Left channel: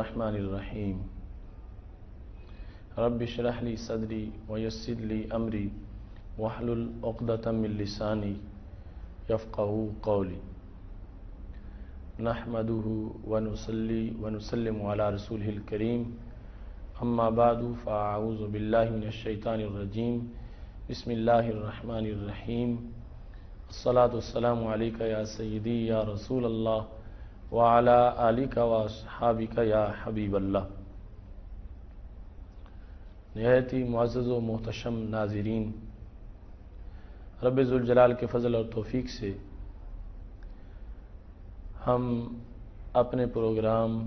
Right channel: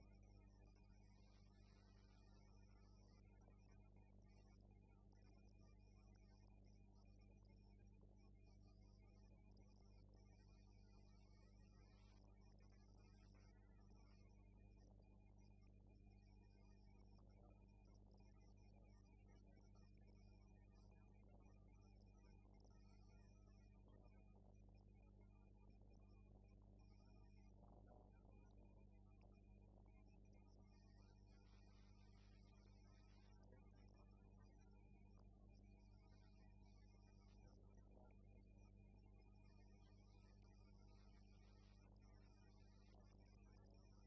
الرحمن الرحیم رب اشرح لی صدری ویسر لی امری واحلل عقدۃ من لسانی یفقہوا قولی نحمدہ ونصلی ونسلم علی رسولہ الکریم اما بعد فاعوذ باللہ من الشیطان الرجیم بسم اللہ الرحمن الرحیم الصلاۃ والسلام علیک یا سیدی یا رسول اللہ وعلی آلک واصحابک یا حبیب اللہ۔ نہایت ہی معزز و محتشم ناظرین، رب ذوالجلال کے فضل اور توفیق سے ہم اپنے پروگرام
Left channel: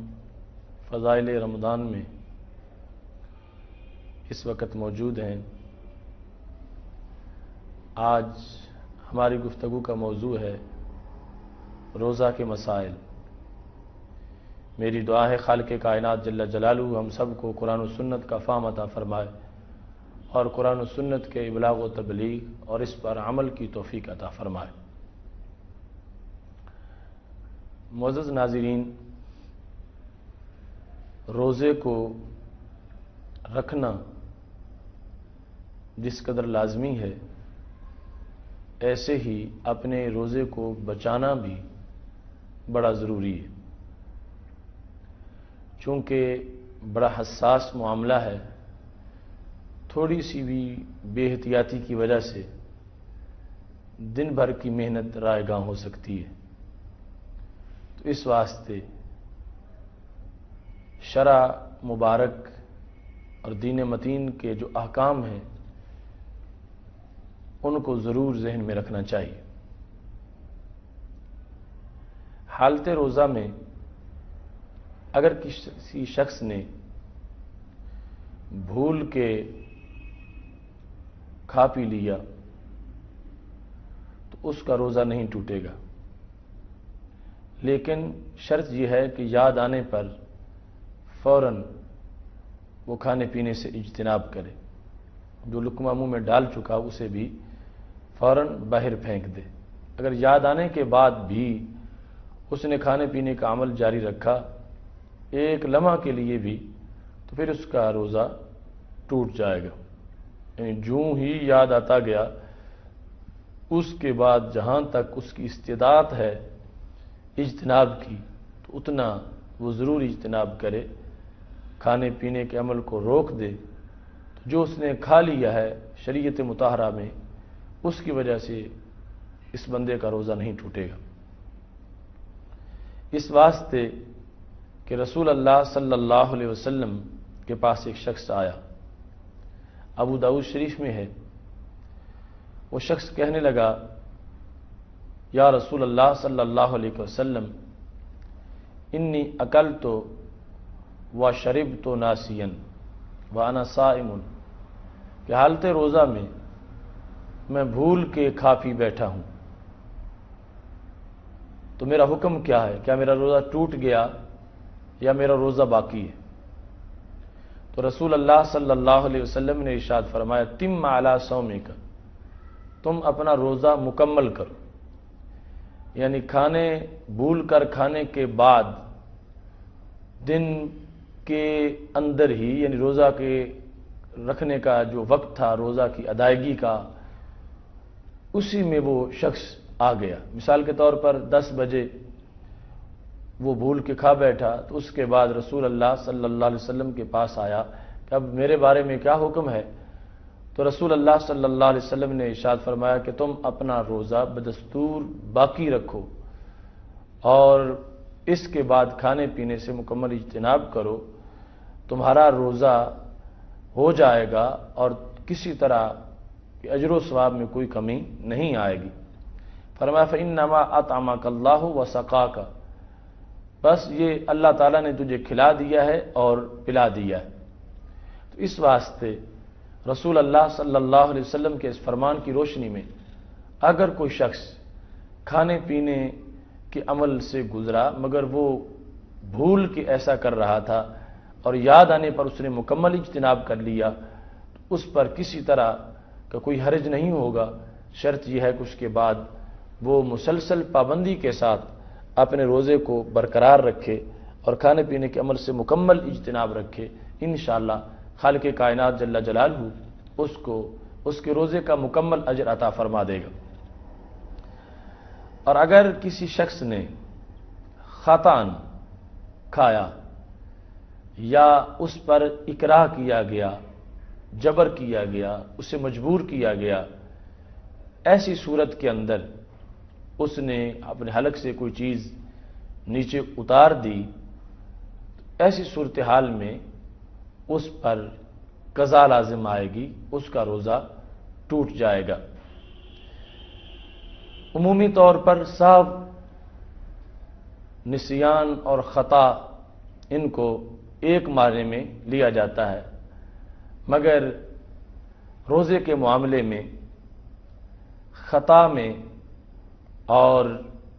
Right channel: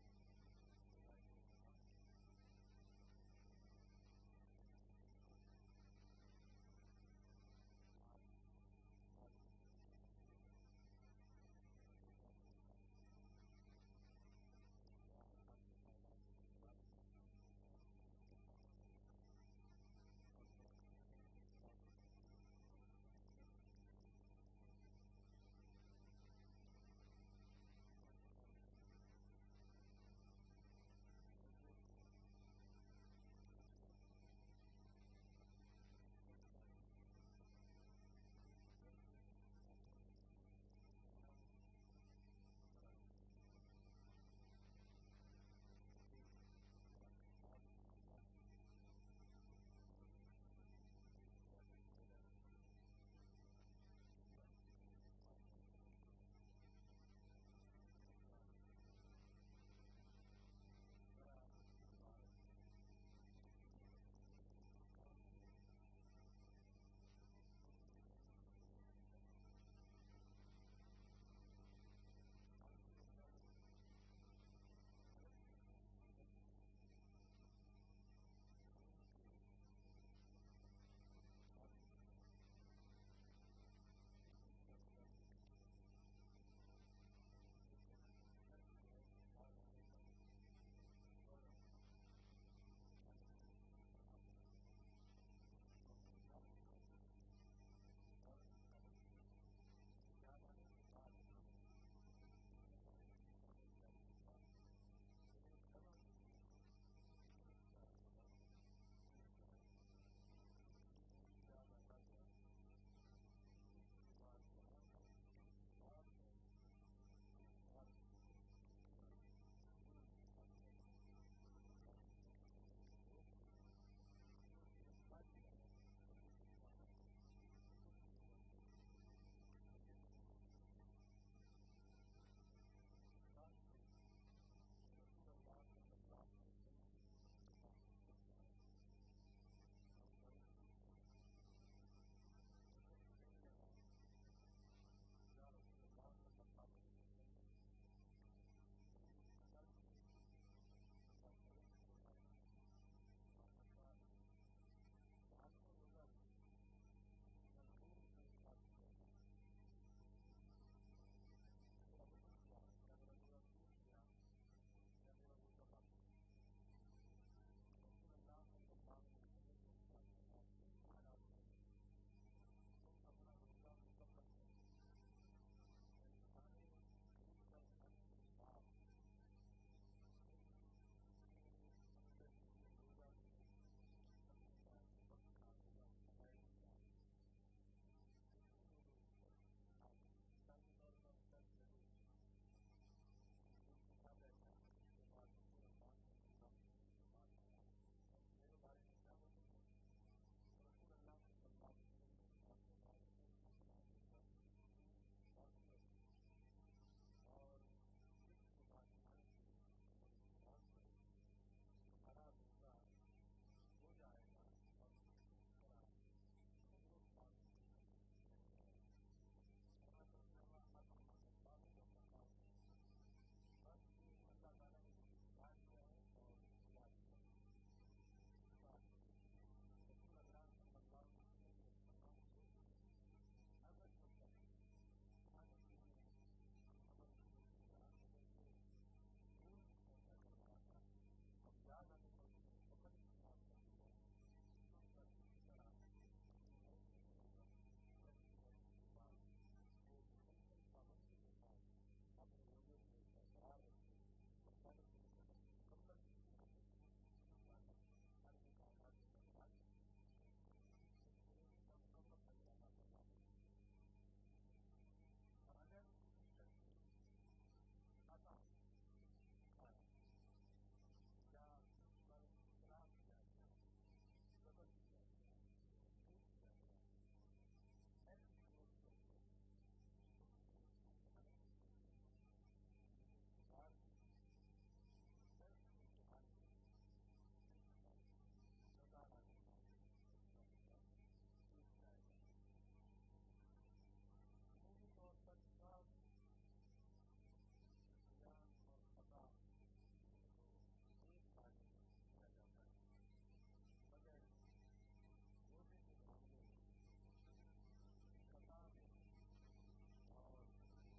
فضائل رمضان میں اس وقت موجود ہیں۔ آج ہماری گفتگو کا موضوع ہے روزہ کے مسائل۔ میری دعا ہے خالق کائنات جل جلالہ ہم سب کو قرآن و سنت کا فہم عطا فرمائے اور قرآن و سنت کے ابلاغ و تبلیغ اور اس پر عمل کی توفیق عطا فرمائے۔ معزز ناظرین، روزے کو رکھنا جس قدر لازمی ہے، ایسے ہی اپنے روزے کو بچانا بھی بڑا ضروری ہے، چونکہ بڑا حساس معاملہ ہے۔ تھوڑی سی بھی بے احتیاطی کی وجہ سے دن بھر کی محنت رائے گاں ہو سکتی ہے۔ تو اس واسطے شرع مبارک اور دین متین کے جو احکام ہیں ان کو ضرور ذہن میں رکھنا چاہیے۔ حالت روزہ میں اگر کسی شخص نے بھول کے کھا پی لیا تو اس کا روزہ نہیں ٹوٹے گا، لیکن شرط یہ ہے کہ یاد آنے پر فوراً وہ کھانے پینے سے اجتناب کرے۔ جو لقمہ منہ میں ڈال چکا اسے بھی فوراً باہر پھینک دے۔ اگر یاد آنے کے بعد بھی اس نے کھانے پینے کا عمل جاری رکھا ایک لمحہ کے لیے بھی تو پھر اس کا روزہ ٹوٹ جائے گا۔ یعنی جوں ہی یاد آتا گیا اس کے بعد جہاں تک اس کی استطاعت ہے اجتناب کی تو اتنا وہ ضرور اجتناب کرے، کھانے پینے کے عمل کو روک دے۔ تو جو اس نے کھا لیا ہے شریعت مطہرہ میں اس کی وجہ سے اس بندے کا روزہ نہیں ٹوٹے گا۔ اس واسطے کہ رسول اللہ صلی اللہ علیہ وسلم کے پاس ایک شخص آیا، ابو داؤد شریف میں ہے۔ وہ شخص کہنے لگا، یا رسول اللہ صلی اللہ علیہ وسلم انی اکلت و شربت ناسیا وانا صائم، کہ حالت روزہ میں بھول کے کھا پی بیٹھا ہوں، تو میرا حکم کیا ہے؟ کیا میرا روزہ ٹوٹ گیا یا میرا روزہ باقی ہے؟ تو رسول اللہ صلی اللہ علیہ وسلم نے ارشاد فرمایا، تم علی صومک، تم اپنا روزہ مکمل کرو۔ یعنی بھول کر کھانے کے بعد دن کے اندر ہی، یعنی روزہ کے رکھنے کا جو وقت تھا روزہ کی ادائیگی کا، اسی میں وہ شخص آ گیا۔ مثال کے طور پر 10 بجے وہ بھول کے کھا بیٹھا، تو اس کے بعد رسول اللہ صلی اللہ علیہ وسلم کے پاس آیا کہ اب میرے بارے میں کیا حکم ہے؟ تو رسول اللہ صلی اللہ علیہ وسلم نے ارشاد فرمایا کہ تم اپنا روزہ بدستور باقی رکھو اور اس کے بعد کھانے پینے سے مکمل اجتناب کرو، تمہارا روزہ ہو جائے گا اور کسی طرح کہ اجر و ثواب میں کوئی کمی نہیں آئے گی۔ فرمایا فإنما أطعمك اللہ وسقاک، بس یہ اللہ تعالیٰ نے تجھے کھلا دیا ہے اور پلا دیا ہے۔ تو اس واسطے رسول اللہ صلی اللہ علیہ وسلم کے اس فرمان کی روشنی میں اگر کوئی شخص کھانے پینے کے عمل سے گزرا مگر وہ بھول کے ایسا کر رہا تھا اور یاد آنے پر اس نے مکمل اجتناب کر لیا، تو اس پر کسی طرح کا کوئی حرج نہیں ہوگا۔ شرط یہ ہے کہ اس کے بعد وہ مسلسل پابندی کے ساتھ اپنے روزے کو برقرار رکھے اور کھانے پینے کے عمل سے مکمل اجتناب رکھے، انشاءاللہ خالق کائنات جل جلالہ اس کے روزے کا مکمل اجر عطا فرما دے گا۔ اور اگر کسی شخص نے خطاً کھایا یا اس پر اکراہ کیا گیا، جبر کیا گیا، اسے مجبور کیا گیا، ایسی صورت کے اندر اس نے اپنے حلق سے کوئی چیز نیچے اتار دی، ایسی صورتحال میں اس پر قضا لازم آئے گی، اس کا روزہ ٹوٹ جائے گا۔ عمومی طور پر سب نسیان اور خطا ان کو ایک معنی میں لیا جاتا ہے، مگر روزے کے معاملے میں خطا میں اور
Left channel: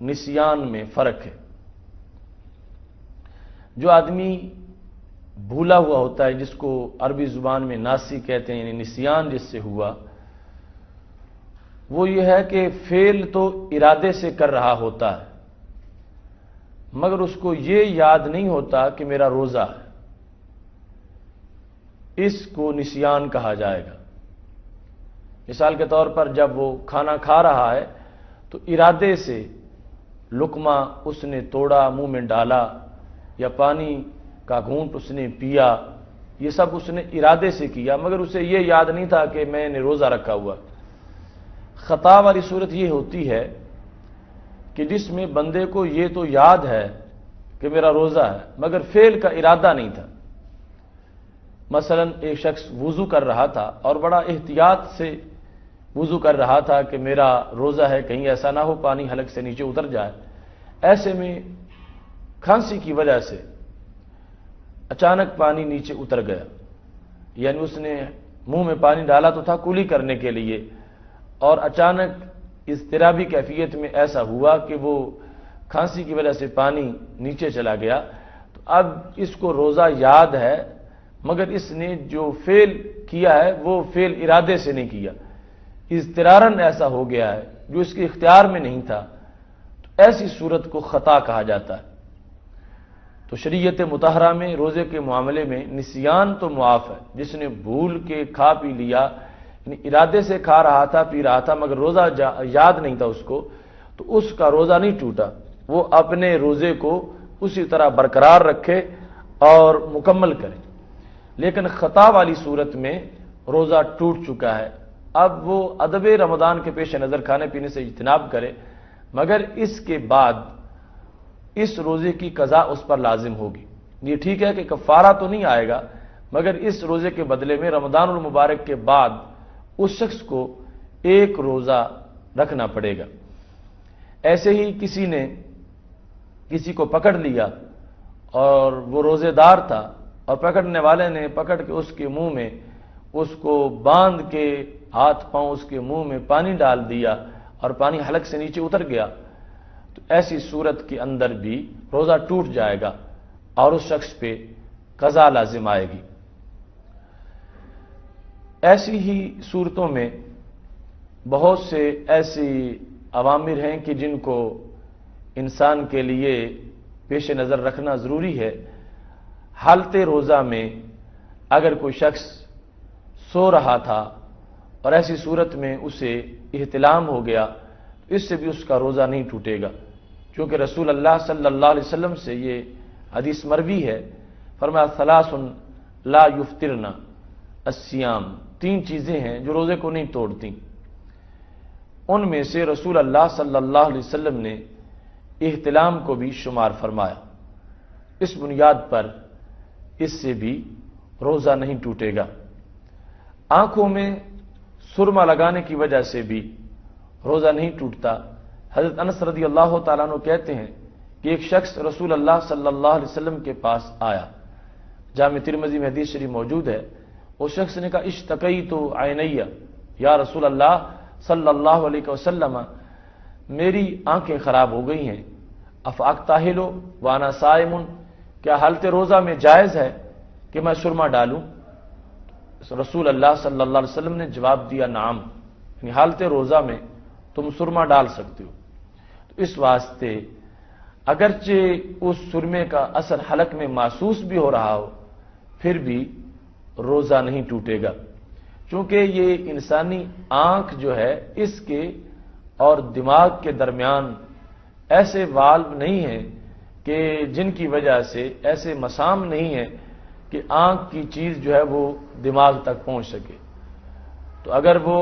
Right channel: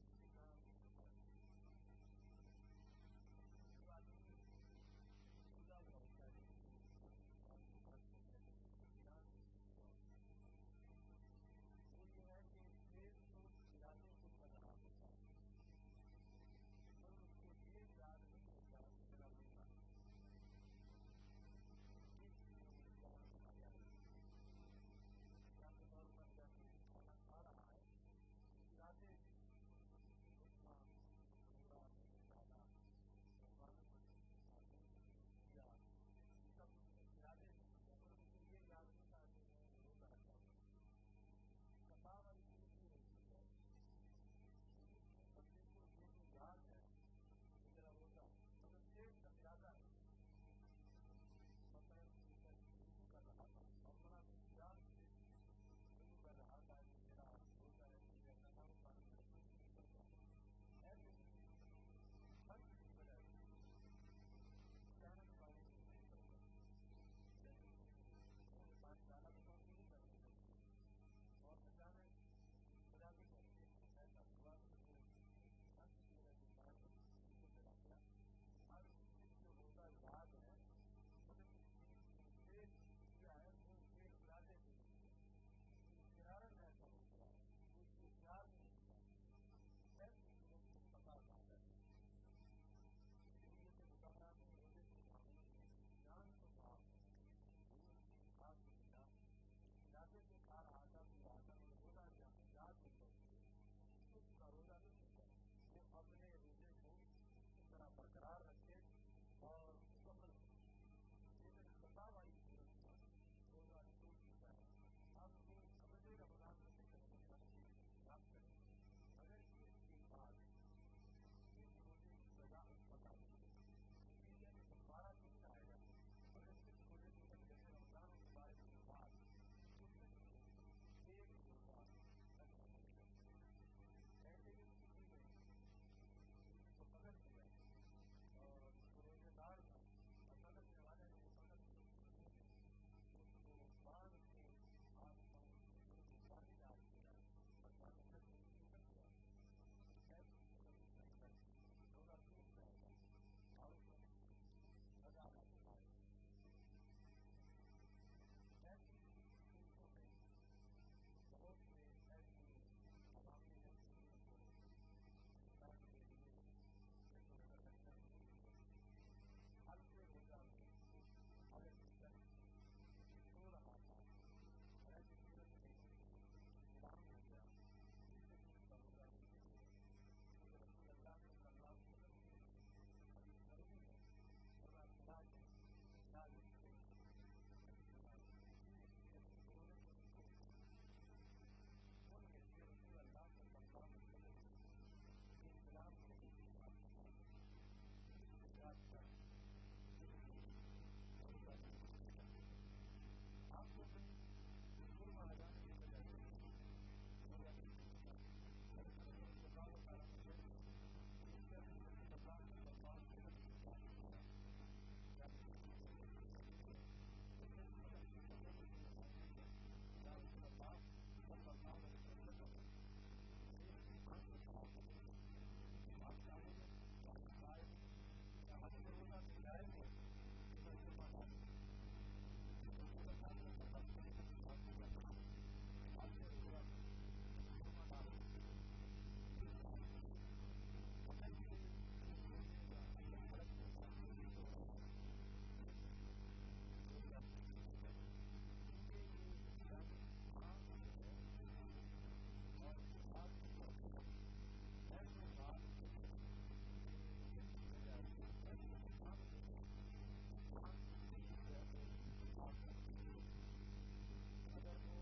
نسیان میں فرق ہے۔ جو آدمی بھولا ہوا ہوتا ہے، جس کو عربی زبان میں ناسی کہتے ہیں، یعنی نسیان جس سے ہوا، وہ یہ ہے کہ فعل تو ارادے سے کر رہا ہوتا ہے، مگر اس کو یہ یاد نہیں ہوتا کہ میرا روزہ ہے، اس کو نسیان کہا جائے گا۔ مثال کے طور پر جب وہ کھانا کھا رہا ہے تو ارادے سے لقمہ اس نے توڑا، منہ میں ڈالا، یا پانی کا گھونٹ اس نے پیا، یہ سب اس نے ارادے سے کیا، مگر اسے یہ یاد نہیں تھا کہ میں نے روزہ رکھا ہوا۔ خطا والی صورت یہ ہوتی ہے کہ جس میں بندے کو یہ تو یاد ہے کہ میرا روزہ ہے، مگر فعل کا ارادہ نہیں تھا۔ مثلا ایک شخص وضو کر رہا تھا اور بڑا احتیاط سے وضو کر رہا تھا کہ میرا روزہ ہے، کہیں ایسا نہ ہو پانی حلق سے نیچے اتر جائے۔ ایسے میں کھانسی کی وجہ سے اچانک پانی نیچے اتر گیا، یعنی اس نے منہ میں پانی ڈالا تو تھا کلی کرنے کے لیے، اور اچانک اضطرابی کیفیت میں ایسا ہوا کہ وہ کھانسی کی وجہ سے پانی نیچے چلا گیا، تو اب اس کو روزہ یاد ہے، مگر اس نے جو فعل کیا ہے وہ فعل ارادے سے نہیں کیا، اضطرارن ایسا ہو گیا ہے جو اس کے اختیار میں نہیں تھا، تو ایسی صورت کو خطا کہا جاتا ہے۔ تو شریعت مطہرہ میں روزے کے معاملے میں نسیان تو معاف ہے، جس نے بھول کے کھا پی لیا، یعنی ارادے سے کھا رہا تھا، پی رہا تھا، مگر روزہ یاد نہیں تھا اس کو، تو اس کا روزہ نہیں ٹوٹا، وہ اپنے روزے کو اسی طرح برقرار رکھے اور مکمل کرے۔ لیکن خطا والی صورت میں روزہ ٹوٹ چکا ہے، اب وہ ادب رمضان کے پیش نظر کھانے پینے سے اجتناب کرے، مگر اس کے بعد اس روزے کی قضا اس پر لازم ہوگی۔ یہ ٹھیک ہے کہ کفارہ تو نہیں آئے گا، مگر اس روزے کے بدلے میں رمضان المبارک کے بعد اس شخص کو ایک روزہ رکھنا پڑے گا۔ ایسے ہی کسی نے کسی کو پکڑ لیا اور وہ روزے دار تھا، اور پکڑنے والے نے پکڑ کے اس کے منہ میں اس کو باندھ کے ہاتھ پاؤں اس کے منہ میں پانی ڈال دیا اور پانی حلق سے نیچے اتر گیا، تو ایسی صورت کے اندر بھی روزہ ٹوٹ جائے گا اور اس شخص پہ قضا لازم آئے گی۔ ایسی ہی صورتوں میں بہت سے ایسی اوامر ہیں کہ جن کو انسان کے لیے پیش نظر رکھنا ضروری ہے۔ حالت روزہ میں اگر کوئی شخص سو رہا تھا اور ایسی صورت میں اسے احتلام ہو گیا، اس سے بھی اس کا روزہ نہیں ٹوٹے گا، کیونکہ رسول اللہ صلی اللہ علیہ وسلم سے یہ حدیث مروی ہے، فرمایا ثلاث لا یفطرن الصیام، 3 چیزیں ہیں جو روزے کو نہیں توڑتی۔ ان میں سے رسول اللہ صلی اللہ علیہ وسلم نے احتلام کو بھی شمار فرمایا۔ اس بنیاد پر اس سے بھی روزہ نہیں ٹوٹے گا۔ آنکھوں میں سرما لگانے کی وجہ سے بھی روزہ نہیں ٹوٹتا۔ حضرت انس رضی اللہ تعالیٰ عنہ کہتے ہیں کہ ایک شخص رسول اللہ صلی اللہ علیہ وسلم کے پاس آیا، جامع ترمذی میں حدیث شریف موجود ہے۔ اس شخص نے کہا اشتکیت عینی یا رسول اللہ صلی اللہ علیہ وسلم، میری آنکھیں خراب ہو گئی ہیں، افاکتاہل وانا صائم، کیا حالت روزہ میں جائز ہے کہ میں سرما ڈالوں؟ رسول اللہ صلی اللہ علیہ وسلم نے جواب دیا نعم، یعنی حالت روزہ میں تم سرما ڈال سکتے ہو۔ تو اس واسطے اگرچہ اس سرمے کا اثر حلق میں محسوس بھی ہو رہا ہو پھر بھی روزہ نہیں ٹوٹے گا، چونکہ یہ انسانی آنکھ جو ہے اس کے اور دماغ کے درمیان ایسے والو نہیں ہیں کہ جن کی وجہ سے ایسے مسام نہیں ہے کہ آنکھ کی چیز جو ہے وہ دماغ تک پہنچ سکے۔ تو اگر وہ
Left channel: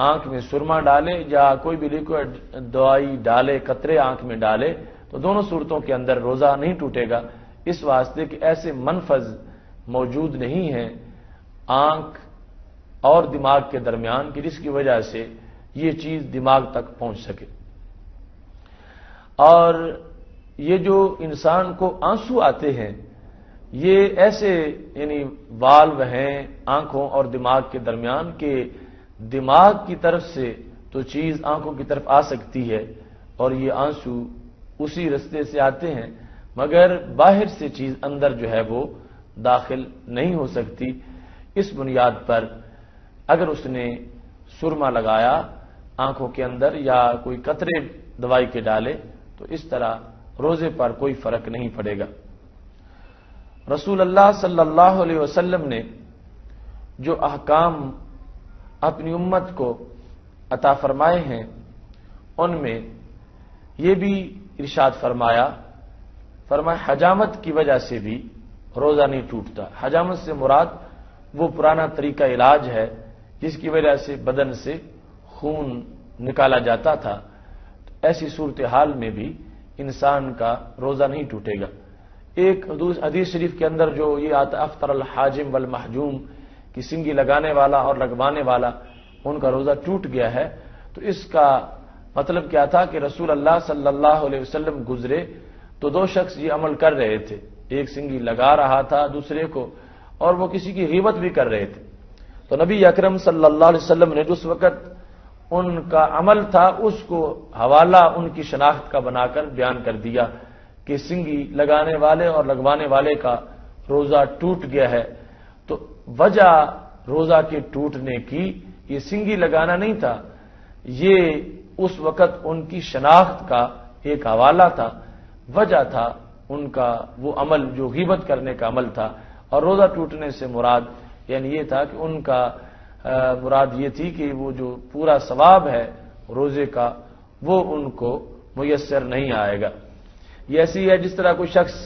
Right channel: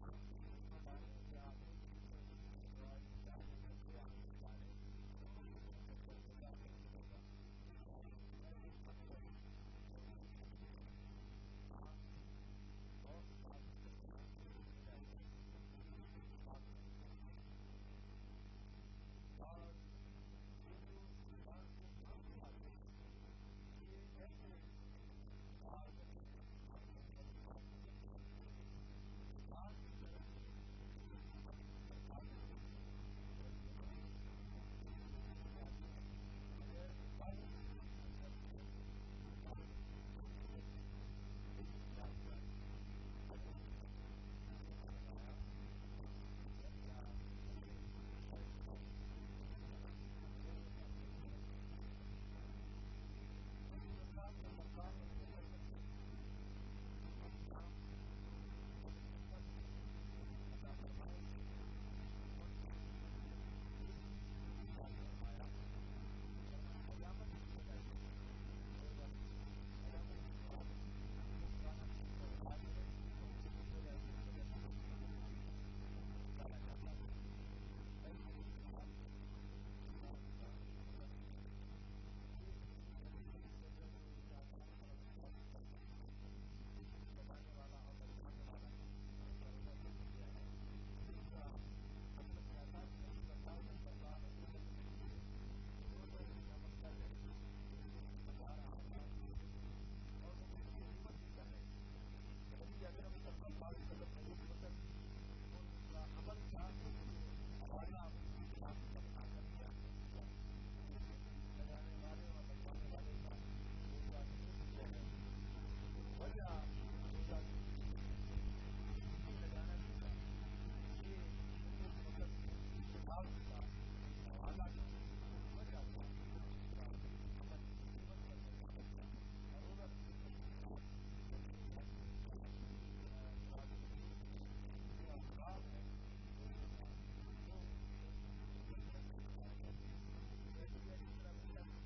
آنکھ میں سرما ڈالے یا کوئی بھی لیکوڈ دوائی ڈالے، قطرے آنکھ میں ڈالے، تو دونوں صورتوں کے اندر روزہ نہیں ٹوٹے گا، اس واسطے کہ ایسے منفذ موجود نہیں ہیں آنکھ اور دماغ کے درمیان کہ جس کی وجہ سے یہ چیز دماغ تک پہنچ سکے۔ اور یہ جو انسان کو آنسو آتے ہیں یہ ایسے یعنی والو ہیں آنکھوں اور دماغ کے درمیان کہ دماغ کی طرف سے تو چیز آنکھوں کی طرف آ سکتی ہے اور یہ آنسو اسی رستے سے آتے ہیں، مگر باہر سے چیز اندر جو ہے وہ داخل نہیں ہو سکتی۔ اس بنیاد پر اگر اس نے سرما لگایا آنکھوں کے اندر یا کوئی قطرے دوائی کے ڈالے تو اس طرح روزے پر کوئی فرق نہیں پڑے گا۔ رسول اللہ صلی اللہ علیہ وسلم نے جو احکام اپنی امت کو عطا فرمائے ہیں ان میں یہ بھی ارشاد فرمایا حجامت کی وجہ سے بھی روزہ نہیں ٹوٹتا۔ حجامت سے مراد وہ پرانا طریقہ علاج ہے جس کی وجہ سے بدن سے خون نکالا جاتا تھا، ایسی صورتحال میں بھی انسان کا روزہ نہیں ٹوٹے گا۔ ایک حدیث شریف کے اندر جو یہ آتا افطر الحاجم والمحجوم کی سنگی لگانے والا اور لگوانے والا ان کا روزہ ٹوٹ گیا ہے، تو اس کا مطلب کیا تھا کہ رسول اللہ صلی اللہ علیہ وسلم گزرے تو دو شخص یہ عمل کر رہے تھے، ایک سنگی لگا رہا تھا دوسرے کو اور وہ کسی کی غیبت بھی کر رہے تھے، تو نبی اکرم صلی اللہ علیہ وسلم نے جس وقت ان کا عمل تھا اس کو حوالہ ان کی شناخت کا بنا کر بیان کر دیا کہ سنگی لگانے والے اور لگوانے والے کا روزہ ٹوٹ گیا ہے۔ تو وجہ روزہ کے ٹوٹنے کی یہ سنگی لگانا نہیں تھا، یہ اس وقت ان کی شناخت کا ایک حوالہ تھا، وجہ تھا ان کا وہ عمل جو غیبت کرنے کا عمل تھا۔ اور روزہ ٹوٹنے سے مراد یعنی یہ تھا کہ ان کا مراد یہ تھی کہ وہ جو پورا ثواب ہے روزے کا وہ ان کو میسر نہیں آئے گا۔ یہ ایسی ہے جس طرح کوئی شخص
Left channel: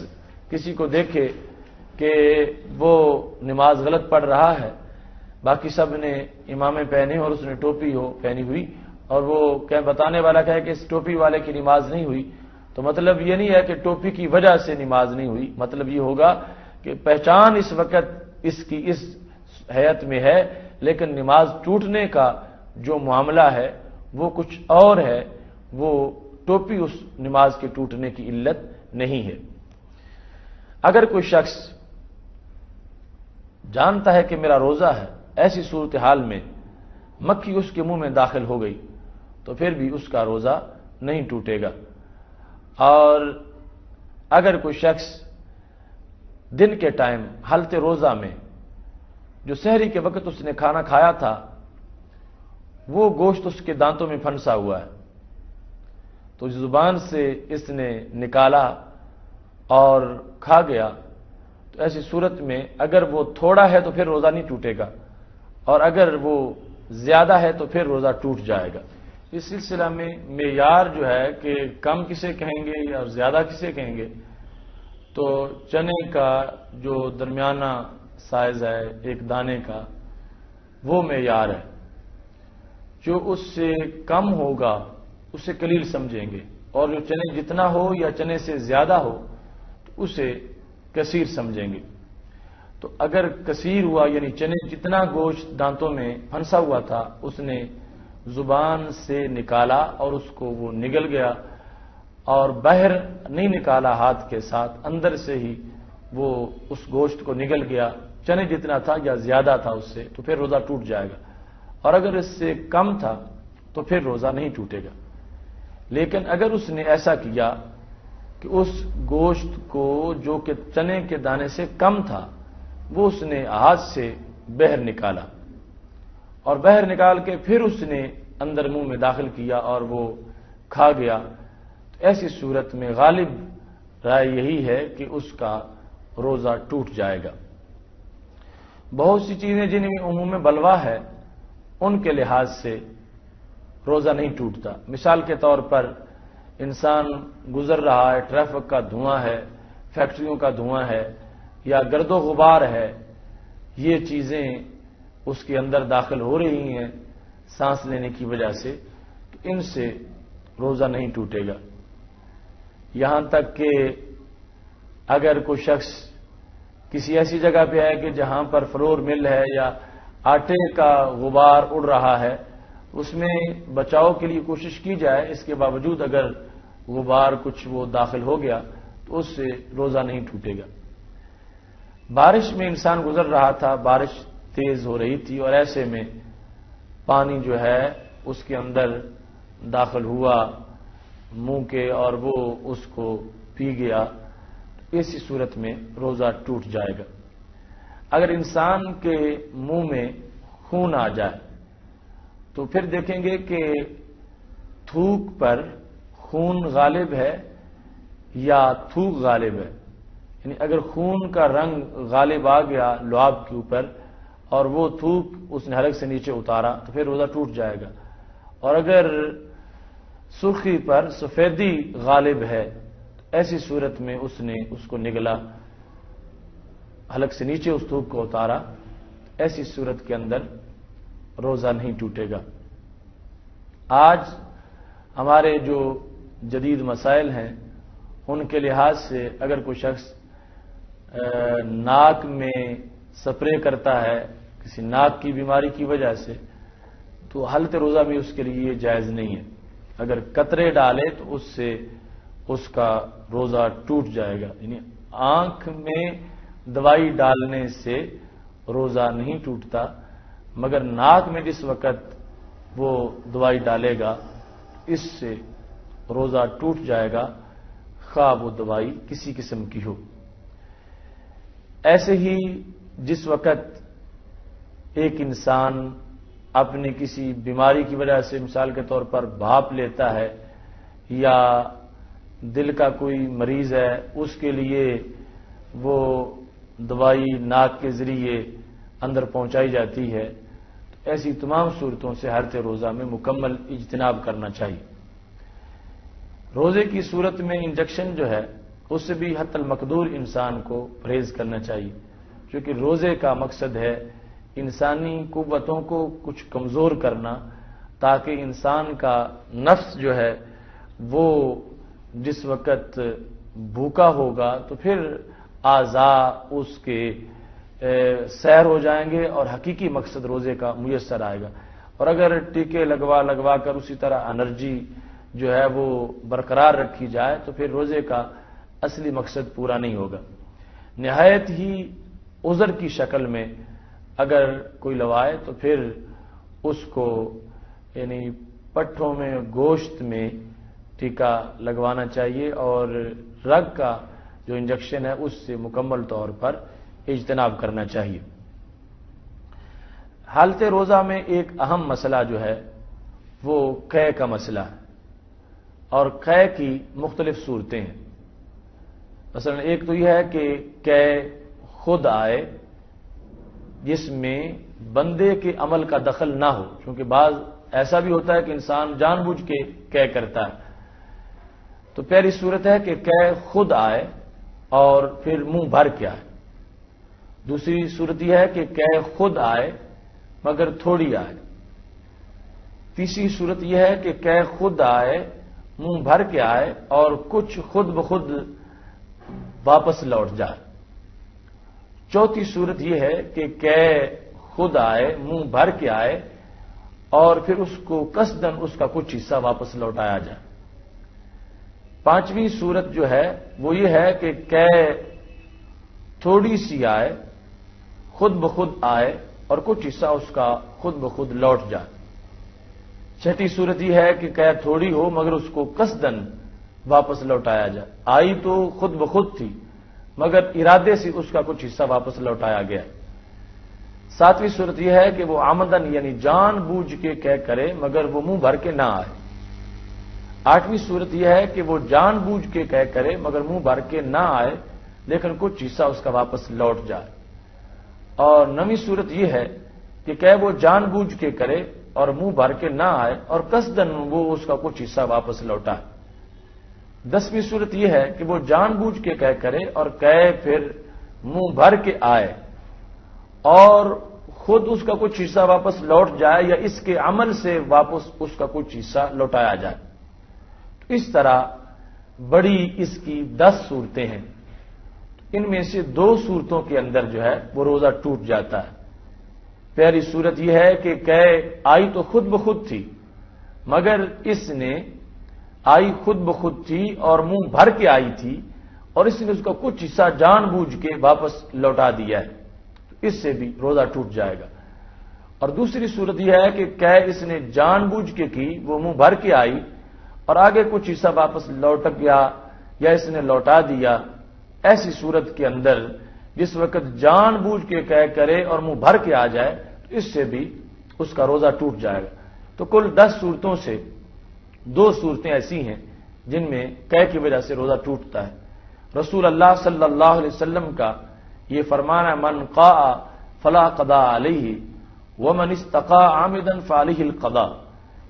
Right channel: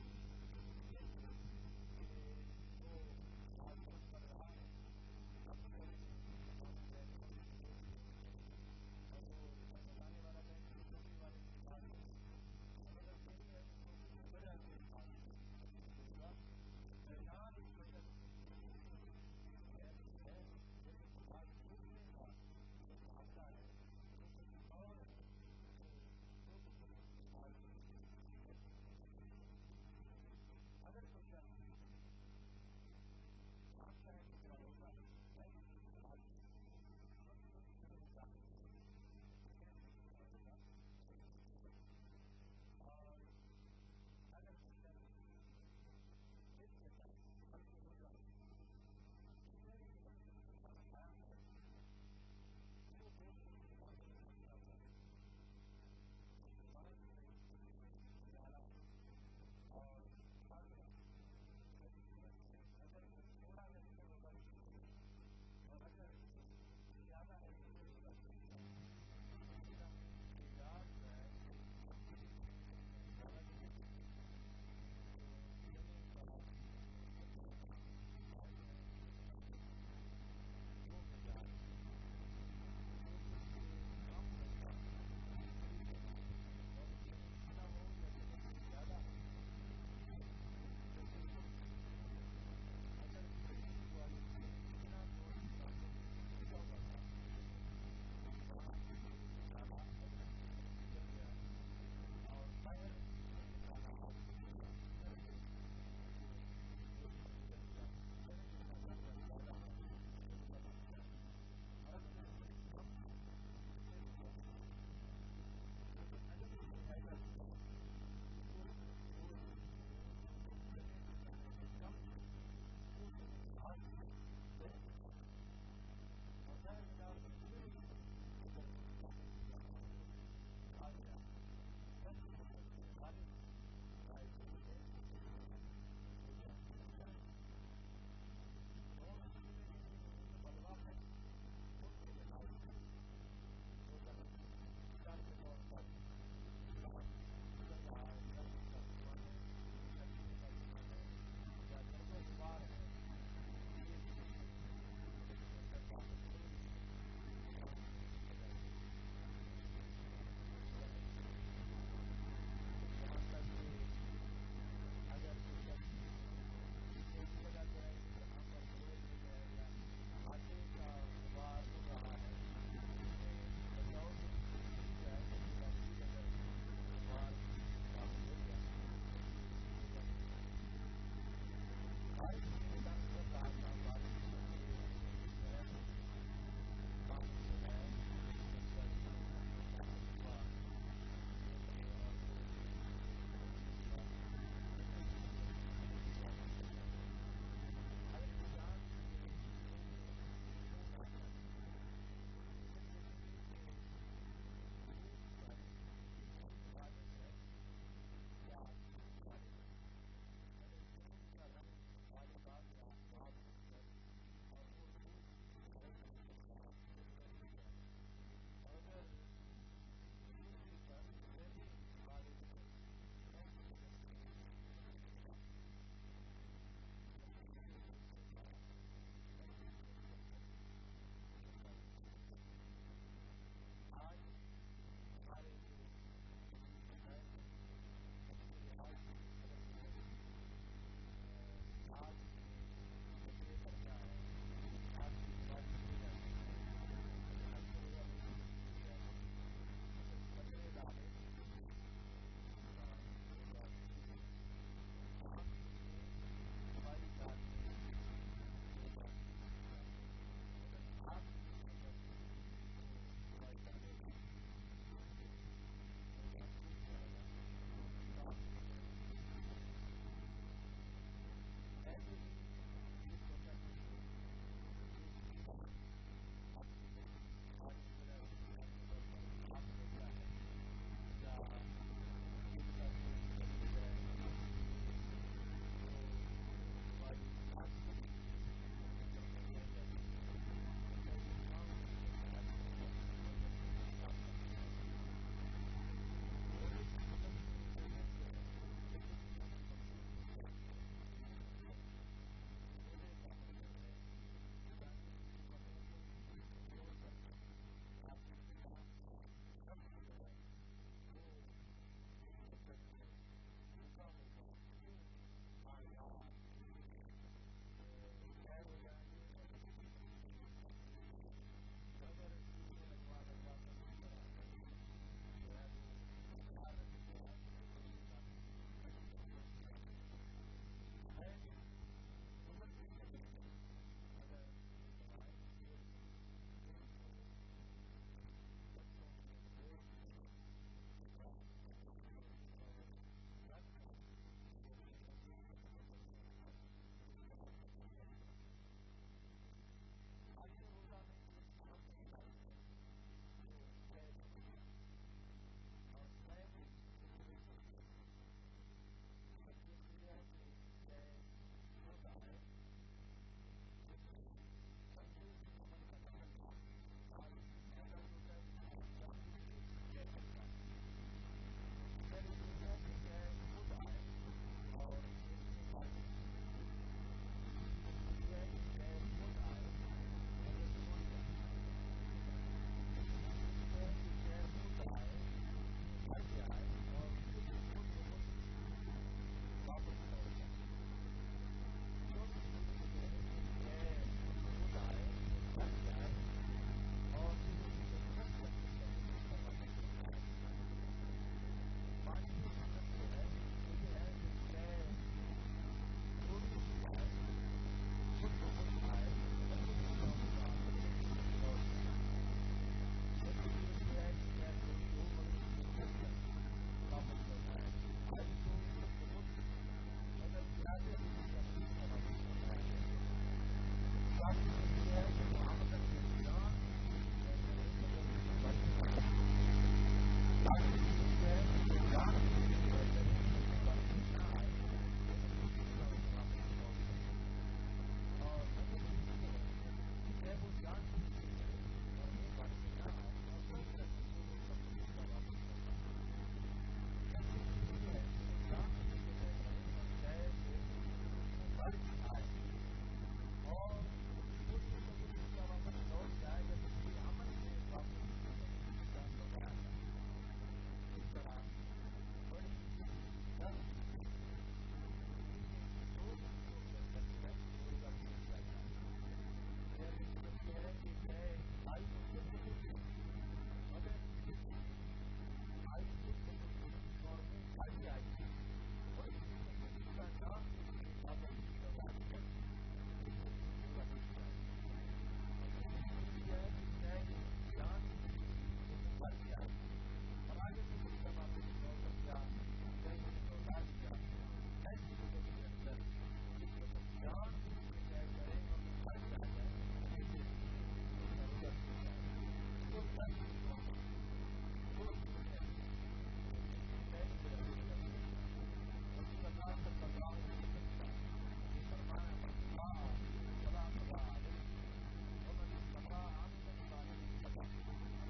کسی کو دیکھے کہ وہ نماز غلط پڑھ رہا ہے، باقی سب نے امامے پہنے اور اس نے ٹوپی ہو پہنی ہوئی اور وہ بتانے والا کہے کہ اس ٹوپی والے کی نماز نہیں ہوئی، تو مطلب یہ نہیں ہے کہ ٹوپی کی وجہ سے نماز نہیں ہوئی، مطلب یہ ہوگا کہ پہچان اس وقت اس کی اس حیت میں ہے لیکن نماز ٹوٹنے کا جو معاملہ ہے وہ کچھ اور ہے، وہ ٹوپی اس نماز کے ٹوٹنے کی علت نہیں ہے۔ اگر کوئی شخص جانتا ہے کہ میرا روزہ ہے، ایسی صورتحال میں مکھی اس کے منہ میں داخل ہو گئی تو پھر بھی اس کا روزہ نہیں ٹوٹے گا۔ اور اگر کوئی شخص دن کے ٹائم حالت روزہ میں جو سحری کے وقت اس نے کھانا کھایا تھا وہ گوشت اس کے دانتوں میں پھنسا ہوا ہے، تو زبان سے اس نے نکالا اور کھا گیا، تو ایسی صورت میں اگر وہ تھوڑا ہے تو پھر روزہ نہیں ٹوٹے گا اور اگر وہ زیادہ ہے تو پھر روزہ ٹوٹ جائے گا۔ اس سلسلہ میں معیار جو ہے کہ کم کسے کہیں گے یا زیادہ کسے کہیں گے، تو چنے کا جو درمیانہ سائز ہے ایک دانے کا وہ معیار ہے، جو اس سے کم ہوگا اسے قلیل سمجھیں گے اور جو چنے جتنا ہو یا چنے سے زیادہ ہو تو اسے کثیر سمجھیں گے۔ تو اگر کثیر ہوا یعنی چنے جتنا گوشت دانتوں میں پھنسا ہوا تھا اس نے زبان سے نکالا اور اس کو وہ نگل گیا اور باہر نہیں نکالا ہاتھ کے ساتھ، اندر سے ہی وہ اس گوشت کو نگل گیا، چنے جتنا تھا یا زیادہ تھا اس سے، تو پھر روزہ ٹوٹ جائے گا، اور اگر اس سے کم تھا تو پھر روزہ نہیں ٹوٹے گا۔ لیکن اگر اس نے ایسا کیا کہ اس گوشت کو جو کہ چنے کے دانے سے کم تھا وہ اس نے ہاتھ سے باہر نکالا اور باہر نکال کے پھر اس نے اندر منہ میں داخل کیا اور وہ کھا گیا، تو ایسی صورت میں غالب رائے یہی ہے کہ اس کا روزہ ٹوٹ جائے گا۔ بہت سی چیزیں جن میں عموم بلوا ہے ان کے لحاظ سے روزہ نہیں ٹوٹتا۔ مثال کے طور پر انسان گزر رہا ہے، ٹریفک کا دھواں ہے، فیکٹریوں کا دھواں ہے یا گرد و غبار ہے، یہ چیزیں اس کے اندر داخل ہو رہی ہیں سانس لینے کی وجہ سے، ان سے روزہ نہیں ٹوٹے گا۔ یہاں تک کہ اگر کوئی شخص کسی ایسی جگہ پہ ہے کہ جہاں پر فلور مل ہے یا آٹے کا غبار اڑ رہا ہے، اس میں بچاؤ کے لیے کوشش کی جائے، اس کے باوجود اگر غبار کچھ وہ داخل ہو گیا تو اس سے روزہ نہیں ٹوٹے گا۔ بارش میں انسان گزر رہا تھا، بارش تیز ہو رہی تھی اور ایسے میں پانی جو ہے اس کے اندر داخل ہوا منہ کے اور وہ اس کو پی گیا، ایسی صورت میں روزہ ٹوٹ جائے گا۔ اگر انسان کے منہ میں خون آ جائے تو پھر دیکھیں گے کہ تھوک پر خون غالب ہے یا تھوک غالب ہے، یعنی اگر خون کا رنگ غالب آ گیا لعاب کے اوپر اور وہ تھوک اس نے حلق سے نیچے اتارا تو پھر روزہ ٹوٹ جائے گا، اور اگر سرخی پر سفیدی غالب ہے ایسی صورت میں اس نے اس کو نگلا، حلق سے نیچے اس تھوک کو اتارا، ایسی صورت کے اندر روزہ نہیں ٹوٹے گا۔ آج ہمارے جو جدید مسائل ہیں ان کے لحاظ سے اگر کوئی شخص ناک میں سپرے کرتا ہے کسی ناک کی بیماری کی وجہ سے تو حالت روزہ بھی اس کے لیے یہ جائز نہیں ہے۔ اگر قطرے ڈالے تو اس سے اس کا روزہ ٹوٹ جائے گا، یعنی آنکھ میں دوائی ڈالنے سے روزہ نہیں ٹوٹتا، مگر ناک میں جس وقت وہ دوائی ڈالے گا اس سے روزہ ٹوٹ جائے گا، خواہ وہ دوائی کسی قسم کی ہو۔ ایسے ہی جس وقت ایک انسان اپنی کسی بیماری کی وجہ سے مثال کے طور پر بھاپ لیتا ہے یا دل کا کوئی مریض ہے اس کے لیے وہ دوائی ناک کے ذریعے اندر پہنچائی جاتی ہے، ایسی تمام صورتوں سے حالت روزہ میں مکمل اجتناب کرنا چاہیے۔ روزے کی صورت میں انجیکشن جو ہے اس سے بھی حتی المقدور انسان کو پرہیز کرنا چاہیے، کیونکہ روزے کا مقصد ہے انسانی قوتوں کو کچھ کمزور کرنا، تاکہ انسان کا نفس جو ہے وہ جس وقت بھوکا ہوگا تو پھر اعضاء اس کے سیر ہو جائیں گے اور حقیقی مقصد روزے کا میسر آئے گا۔ اور اگر ٹیکے لگوا کر اسی طرح انرجی جو ہے وہ برقرار رکھی جائے تو پھر روزے کا اصلی مقصد پورا نہیں ہوگا۔ نہایت ہی عذر کی شکل میں اگر کوئی لوائے تو پھر اس کو یعنی پٹھوں میں گوشت میں ٹیکا لگوانا چاہیے اور رگ کا جو انجیکشن ہے اس سے مکمل طور پر اجتناب کرنا چاہیے۔ حالت روزہ میں ایک اہم مسئلہ جو ہے وہ قے کا مسئلہ ہے، اور قے کی مختلف صورتیں ہیں۔ مثلا ایک تو یہ ہے کہ قے خود آئے جس میں بندے کے عمل کا دخل نہ ہو، کیونکہ بعض ایسا بھی ہوتا ہے کہ انسان جان بوجھ کے قے کرتا ہے۔ تو پہلی صورت ہے کہ قے خود آئے اور پھر منہ بھر کے آئے۔ دوسری صورت یہ ہے کہ قے خود آئے مگر تھوڑی آئے۔ تیسری صورت یہ ہے کہ قے خود آئے منہ بھر کے آئے اور کچھ خود بخود واپس لوٹ جائے۔ چوتھی صورت یہ ہے کہ قے خود آئے منہ بھر کے آئے اور پھر اس کو قصدن اس کا کچھ حصہ واپس لوٹایا جائے۔ پانچویں صورت جو ہے وہ یہ ہے کہ قے تھوڑی سی آئے، خود بخود آئے اور کچھ حصہ اس کا خود بخود لوٹ جائے۔ چھٹی صورت یہ ہے کہ قے تھوڑی ہو مگر اس کو قصدن واپس لوٹایا جائے، آئی تو خود بخود تھی مگر ارادے سے اس کا کچھ حصہ واپس لوٹایا گیا۔ ساتویں صورت یہ ہے کہ وہ آمدن یعنی جان بوجھ کے قے کرے مگر وہ منہ بھر کے نہ آئے۔ 8ویں صورت یہ ہے کہ وہ جان بوجھ کے کرے مگر منہ بھر کے نہ آئے لیکن کچھ حصہ اس کا واپس لوٹ جائے. اور 9ویں صورت یہ ہے کہ وہ جان بوجھ کے کرے اور منہ بھر کے نہ آئے اور قصدن وہ اس کا کچھ حصہ واپس لوٹائے. 10ویں صورت یہ ہے کہ وہ جان بوجھ کے کرے اور پھر منہ بھر کے آئے اور خود اس کا کچھ حصہ واپس لوٹ جائے یا اس کے عمل سے واپس اس کا کچھ حصہ لوٹایا جائے. اس طرح بڑی اس کی 10 صورتیں ہیں. ان میں سے 2 صورتوں کے اندر جو ہے وہ روزہ ٹوٹ جاتا ہے. پہلی صورت یہ ہے کہ آئی تو خود بخود تھی مگر اس نے آئی خود بخود تھی اور منہ بھر کے آئی تھی اور اس نے اس کا کچھ حصہ جان بوجھ کے واپس لوٹا دیا ہے. اس سے بھی روزہ ٹوٹ جائے گا. اور دوسری صورت یہ ہے کہ اس نے جان بوجھ کے کی، وہ منہ بھر کے آئی اور آگے کچھ حصہ واپس لوٹ گیا یا اس نے لوٹا دیا. ایسی صورت کے اندر جس وقت جان بوجھ کے کرے اور منہ بھر کے آ جائے تو اس سے بھی اس کا روزہ ٹوٹ جائے گا. تو کل 10 صورتوں سے 2 صورتیں ایسی ہیں جن میں کی وجہ سے روزہ ٹوٹتا ہے. رسول اللہ صلی اللہ علیہ وسلم کا یہ فرمان ہے من قاء فلا قضاء علیہ ومن استقاء عامدا فعلیہ القضاء،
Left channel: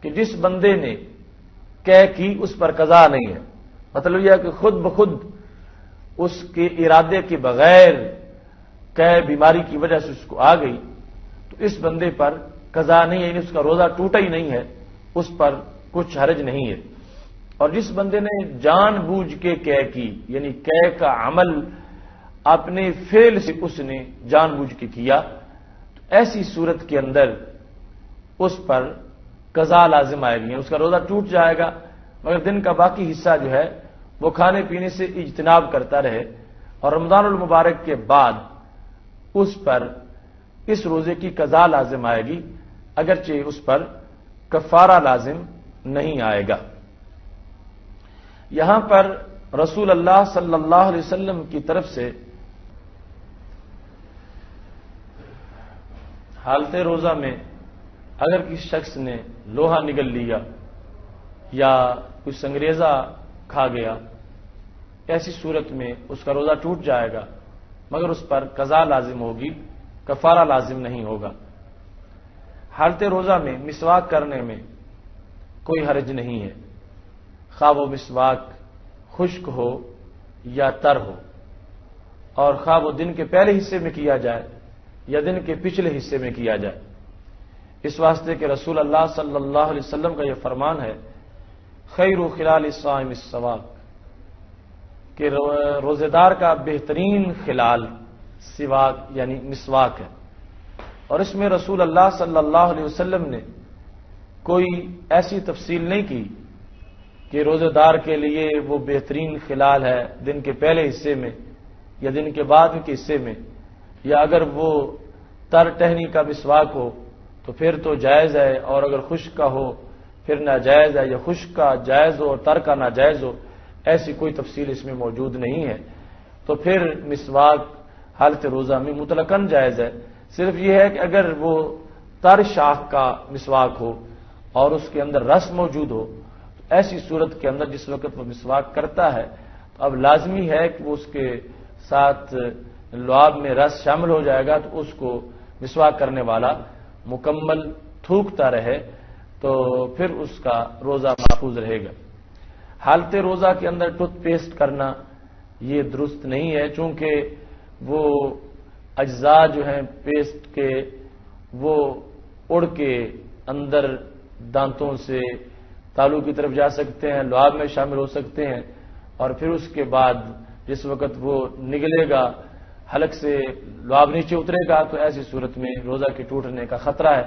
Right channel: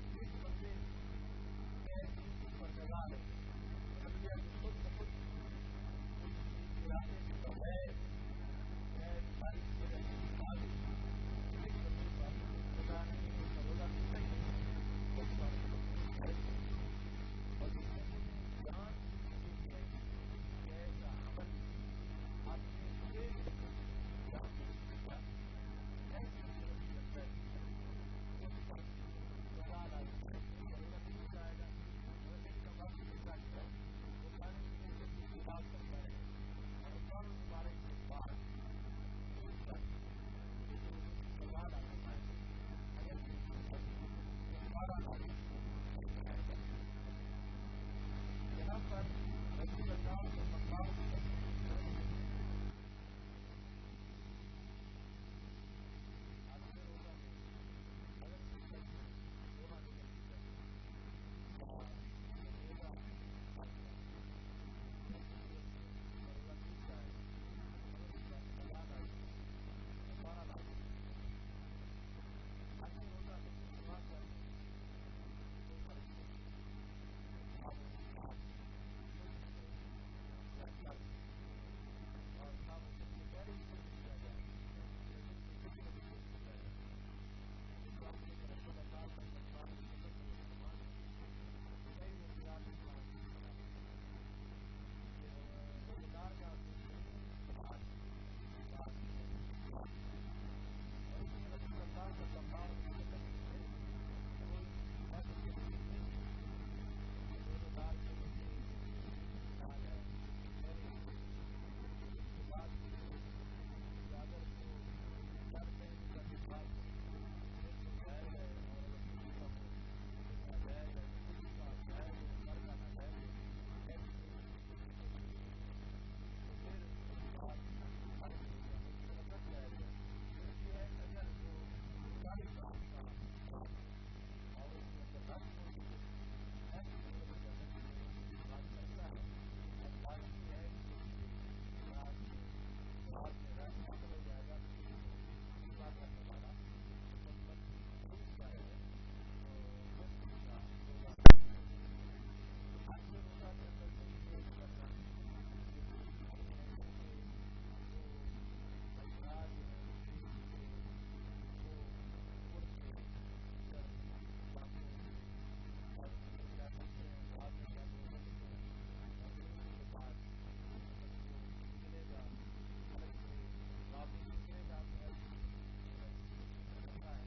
کہ جس بندے نے کی اس پر قضا نہیں ہے. مطلب یہ ہے کہ خود بخود اس کے ارادے کے بغیر بیماری کی وجہ سے اس کو آ گئی تو اس بندے پر قضا نہیں ہے، یعنی اس کا روزہ ٹوٹا ہی نہیں ہے، اس پر کچھ حرج نہیں ہے. اور جس بندے نے جان بوجھ کے کی یعنی کا عمل اپنے فعل سے اس نے جان بوجھ کے کیا تو ایسی صورت کے اندر اس پر قضا لازم آئے گی، اس کا روزہ ٹوٹ جائے گا مگر دن کا باقی حصہ جو ہے وہ کھانے پینے سے اجتناب کرتا رہے اور رمضان المبارک کے بعد اس پر اس روزے کی قضا لازم آئے گی اگرچہ اس پر کفارہ لازم نہیں آئے گا. یہاں پر رسول اللہ صلی اللہ علیہ وسلم کی طرف سے حالت روزہ میں اگر کسی شخص نے لوہا نگل لیا یا کوئی سنگریزہ کھا گیا، ایسی صورت میں اس کا روزہ ٹوٹ جائے گا مگر اس پر قضا لازم ہوگی، کفارہ لازم نہیں ہوگا. حالت روزہ میں مسواک کرنے میں کوئی حرج نہیں ہے، خواہ وہ مسواک خشک ہو یا تر ہو، اور خواہ وہ دن کے پہلے حصے میں کیا جائے یا دن کے پچھلے حصے میں کیا جائے. اس واسطے کہ رسول اللہ صلی اللہ علیہ وسلم کا یہ فرمان ہے خیر خلال الصائم السواک، کہ روزے دار کا بہترین خلال سواک یعنی مسواک ہے. اور اس میں رسول اللہ صلی اللہ علیہ وسلم نے کوئی ایسی تفصیل نہیں کی کہ روزے دار کے لیے وہ بہترین خلال ہے دن کے پہلے حصے میں یا دن کے بعد کے حصے میں، یا اگر وہ تر ٹہنی کا مسواک ہو تو پھر تو جائز ہے اور اگر خشک کا ہو پھر ناجائز ہے، یا خشک کا جائز ہو اور تر کا ناجائز ہو. ایسی کوئی تفصیل اس میں موجود نہیں ہے. تو پھر مسواک حالت روزہ میں مطلقاً جائز ہے. صرف یہ ہے کہ اگر وہ تر شاخ کا مسواک ہو اور اس کے اندر رس موجود ہو، ایسی صورت کے اندر جس وقت وہ مسواک کرتا ہے تو اب لازمی ہے کہ وہ اس کے ساتھ لعاب میں رس شامل ہو جائے گا تو اس کو مسواک کرنے والا مکمل تھوکتا رہے تو پھر اس کا روزہ محفوظ رہے گا. حالت روزہ کے اندر ٹوتھ پیسٹ کرنا یہ درست نہیں ہے، چونکہ وہ اجزاء جو ہیں پیسٹ کے وہ اڑ کے اندر دانتوں سے تالو کی طرف جا سکتے ہیں، لعاب میں شامل ہو سکتے ہیں، اور پھر اس کے بعد جس وقت وہ نگلے گا حلق سے لعاب نیچے اترے گا تو ایسی صورت میں روزہ کے ٹوٹنے کا خطرہ ہے.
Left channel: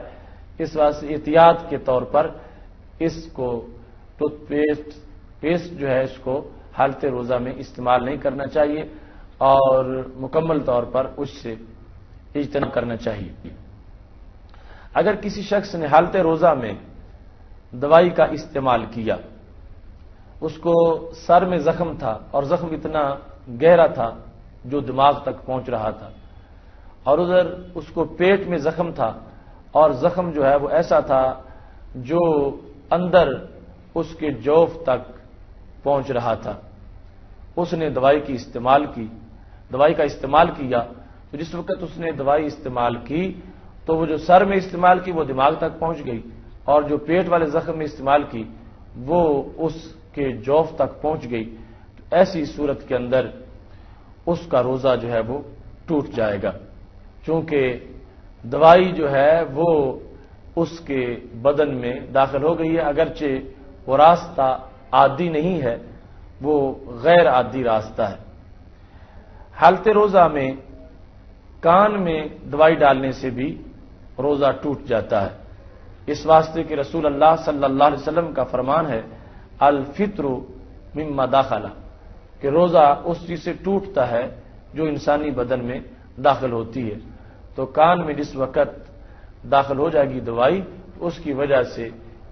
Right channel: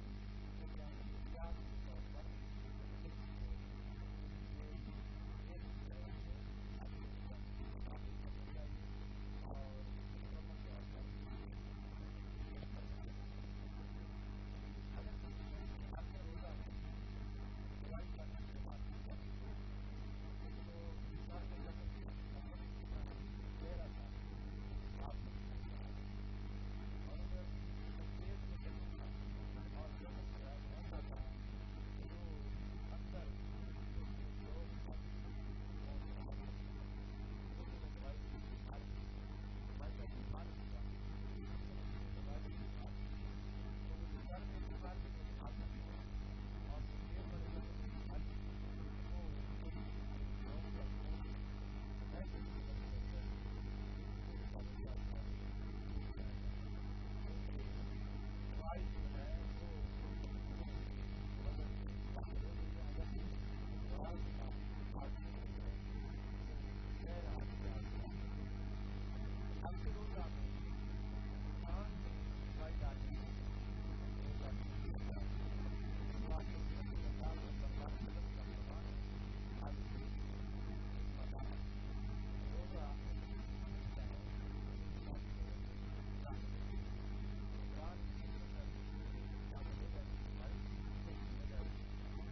اس واسطے احتیاط کے طور پر اس کو ٹوتھ پیسٹ جو ہے اس کو حالت روزہ میں استعمال نہیں کرنا چاہیے اور مکمل طور پر اس سے اجتناب کرنا چاہیے. اگر کسی شخص نے حالت روزہ میں دوائی کا استعمال کیا، اس کو سر میں زخم تھا اور زخم اتنا گہرا تھا جو دماغ تک پہنچ رہا تھا، اور ادھر اس کو پیٹ میں زخم تھا اور زخم جو ہے وہ ایسا تھا جو اندر اس کے جوف تک پہنچ رہا تھا، اس نے دوائی کا استعمال کیا، تو جس وقت اس نے دوائی استعمال کی تو وہ جو سر میں استعمال کی وہ دماغ تک پہنچ گئی، اور جو پیٹ والے زخم میں استعمال کی وہ اس کے جوف تک پہنچ گئی۔ ایسی صورت کے اندر اس کا روزہ جو ہے وہ ٹوٹ جائے گا، چونکہ دوائی جو ہے وہ اس کے بدن میں داخل ہو گئی ہے، اگرچہ وہ راستہ عادی نہیں ہے، وہ غیر عادی راستہ ہے۔ حالت روزہ میں کان میں دوائی ڈالنے سے بھی روزہ ٹوٹ جاتا ہے، اس واسطے کہ رسول اللہ صلی اللہ علیہ وسلم کا فرمان ہے الفطر مما داخلہ، کہ روزہ اس چیز سے ٹوٹتا ہے جو انسانی بدن میں داخل ہوتی ہے۔ تو کان میں جس وقت داخل ہو جائے گی دوائی، اس کی وجہ سے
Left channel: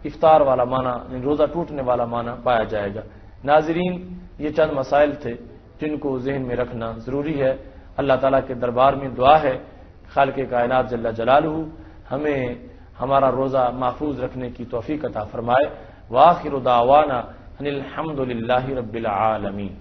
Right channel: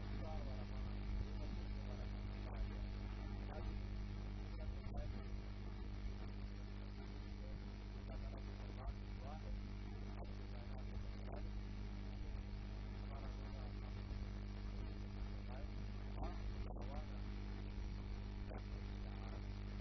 افطار والا معنی، روزہ ٹوٹنے والا معنی پایا جائے گا۔ ناظرین، یہ چند مسائل تھے جن کو ذہن میں رکھنا ضروری ہے۔ اللہ تعالیٰ کے دربار میں دعا ہے خالق کائنات جل جلالہ ہمیں ہمارا روزہ محفوظ رکھنے کی توفیق عطا فرمائے۔ وآخر دعوانا ان الحمد للہ رب العالمین۔